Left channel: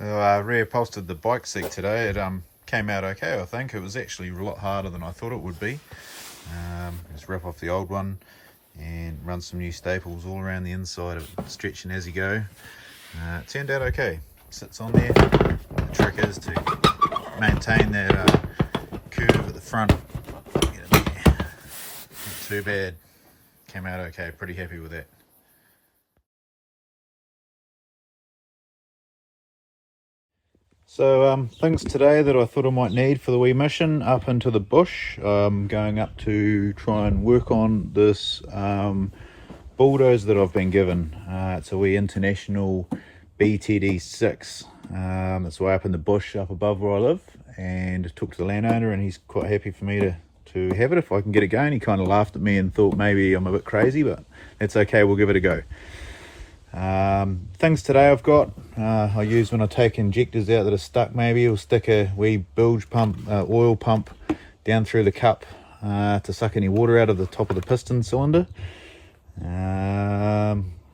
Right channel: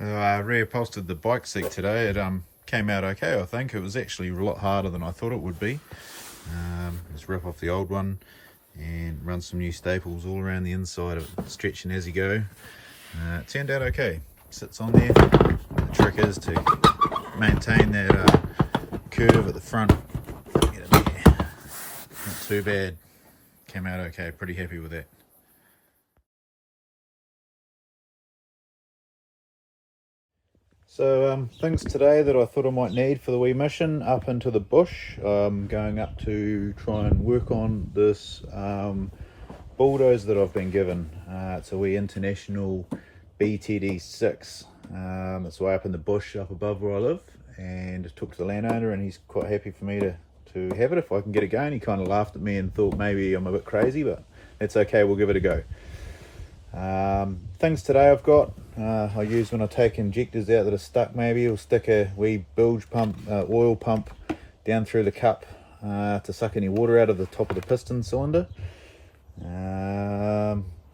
I reupholstered the bike seat today. It came out okay, I think. It was actually a lot harder than I thought it would be. Just rip off the old one and run some new staples all around the inside of it, stretching as you go. It turned out okay. Sits on there. The trick is to maintain that curve at the front. Get it there. Not too bad. Came out okay. Pretty happy with that. So things today that I thought I might need for the wee mission up into the bush. Going up to try and work on this bulldozer that I've been given. It's a wee international btd6. It's way up in the bush up above where I live, and took to the landowner and he's quite happy for me to have it if I can get it going. He kind of laughed at me and thought maybe I'm a bit crazy, but that's okay, we'll give it a go. Things today I've got, I use when I take injectors out that are stuck. Maybe I'll stick a wee bilge pump, oil pump down through the cup to suck any water out of the top of the piston cylinder.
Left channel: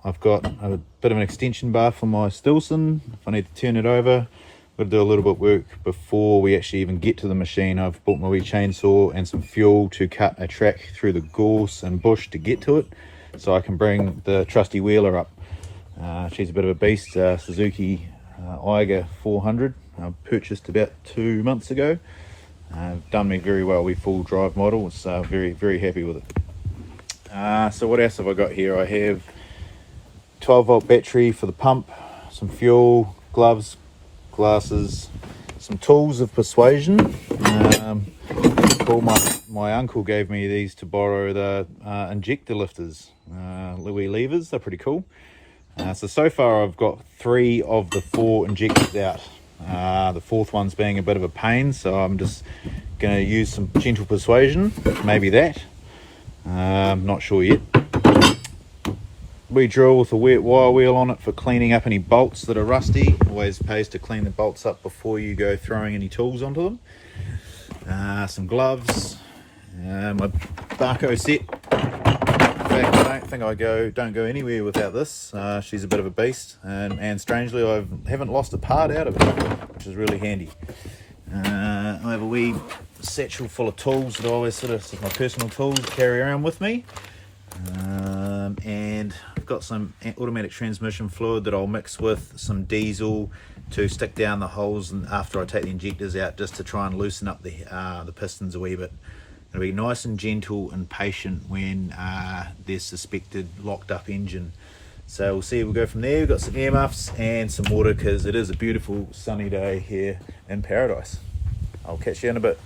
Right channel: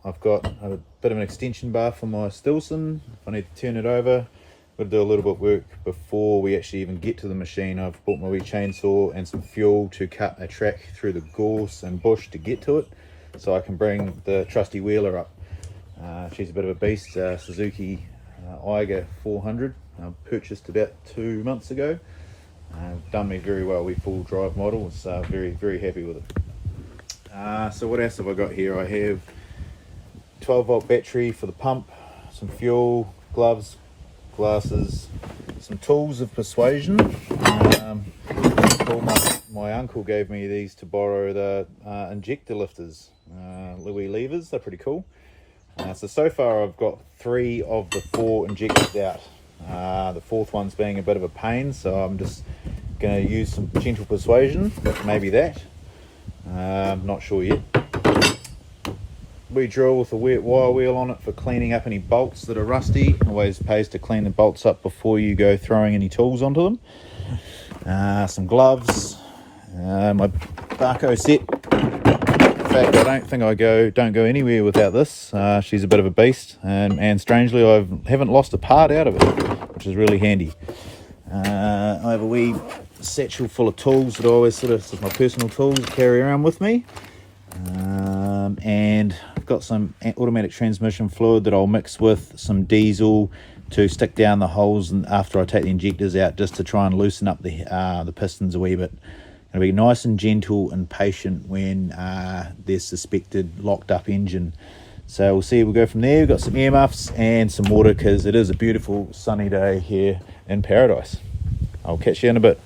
I've got a bit of an extension bar for my Stilson. If I need to turn it over, I've got to do a little bit of work before we actually even get to the machine. I've bought my wee chainsaw and some fuel to cut a track through the gorse and bush to get to it, so I can bring the trusty wheeler up. She's a bit of a beast, Suzuki Eiger 400. I purchased about 2 months ago. Done me very well. We full drive model. Was very happy with it. So what else have I got here? I have 12-volt battery for the pump, some fuel, gloves, glasses, some tools of persuasion. My uncle gave me these to borrow, the injector lifters, Louis levers. They're pretty cool. So far I've got 3 of the 4 injectors out. The 4th one's being a bit of a pain, so I'm just going to use some gentle persuasion, maybe that. I'm not sure yet. We drill with a wet wire wheel on it for cleaning up any bolts that are rusty. Always pays to clean the bolts up before you go throwing any tools onto them. Some gloves, my Barco set. In fact, I don't think don't go anywhere without this. She's a bit of a beast, and strangely I haven't lost a part out of it, which is really handy. I have a wee satchel full of tools that I always my personal tools, carry around with me. And I've got some automatic transmission fluid that I'll mix with some diesel to stick down the holes, and after I take the injectors out, just to try and loosen up the pistons a wee bit. It'll be nice and gentle and patient when there's suspected locked up engine. So we'll see, we'll go from there. We've got some earmuffs and some water because it is a beautiful sunny day here in paradise. I'll catch you in a bit.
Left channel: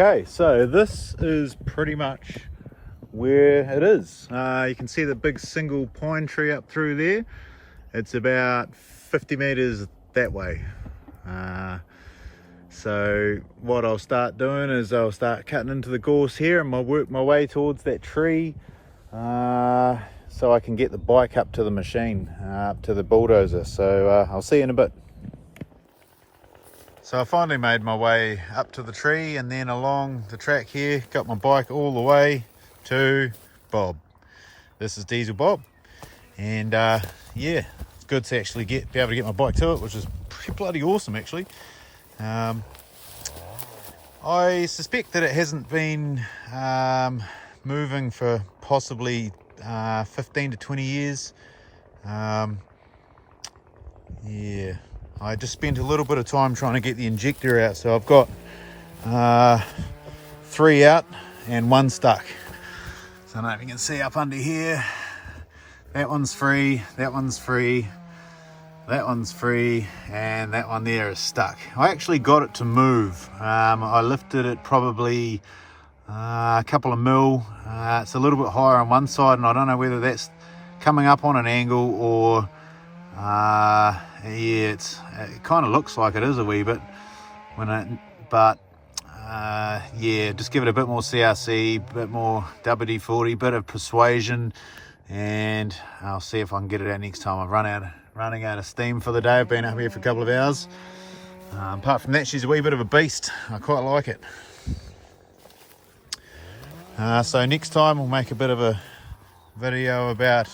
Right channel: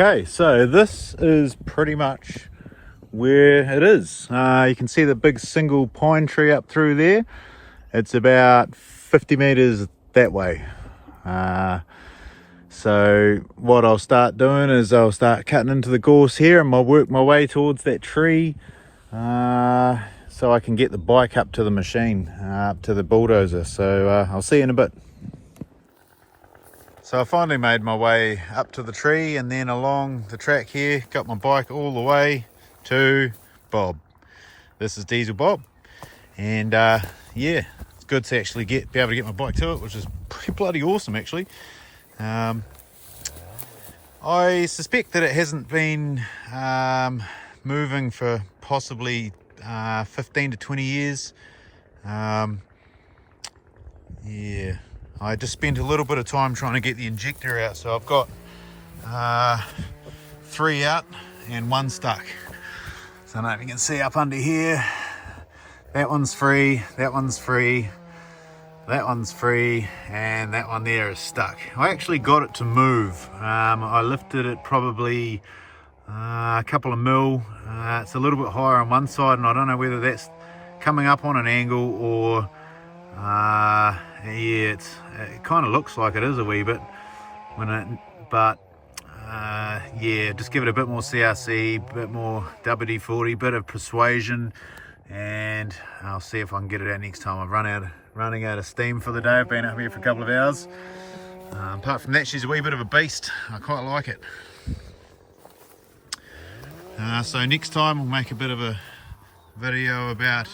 Okay, so this is pretty much where it is. You can see the big single pine tree up through there. It's about 50 meters that way. So what I'll start doing is I'll start cutting into the gorse here and I'll work my way towards that tree so I can get the bike up to the machine, up to the bulldozer. So I'll see you in a bit. So I finally made my way up to the tree and then along the track here, got my bike all the way to Bob. This is Diesel Bob, and yeah, it's good to actually be able to get my bike to it, which is pretty bloody awesome actually. I suspect that it hasn't been moving for possibly 15 to 20 years. Yeah, I just spent a little bit of time trying to get the injector out, so I've got 3 out and 1 stuck. So I don't know if you can see up under here, that one's free, that one's free, that one's free, and that one there is stuck. I actually got it to move. I lifted it probably a couple of mil. It's a little bit higher on one side, and I don't know whether that's coming up on an angle or yeah, it kind of looks like it is a wee bit yeah, just give it a bit more CRC, a bit more WD-40, bit of persuasion, and I'll see if I can get it out next time. I've running out of steam for the day. I've been up here for a couple of hours. Apart from that, she's a wee bit of a beast. I quite like it. So next time we'll make a bit of a video about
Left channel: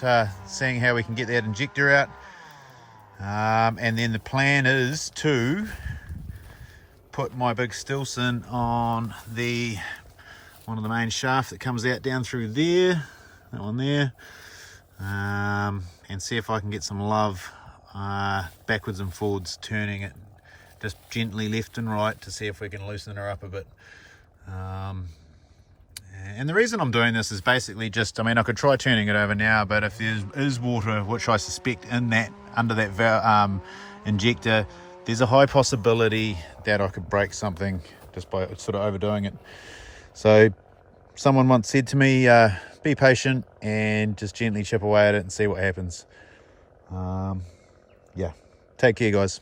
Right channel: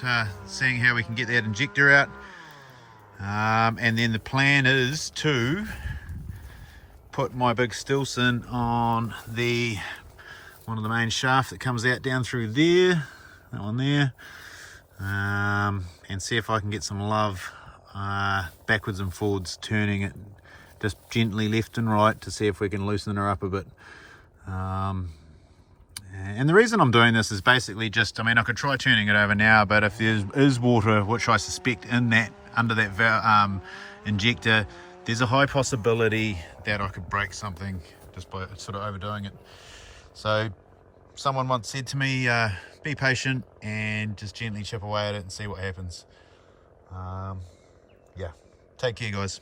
seeing how we can get that injector out. And then the plan is to put my big Stilson on one of the main shaft that comes out down through there, that one there, and see if I can get some love backwards and forwards, turning it just gently left and right to see if we can loosen her up a bit. And the reason I'm doing this is basically just, I mean, I could try turning it over now, but if there is water, which I suspect under that injector, there's a high possibility that I could break something just by sort of overdoing it. So someone once said to me, be patient and just gently chip away at it and see what happens. Yeah, take care guys.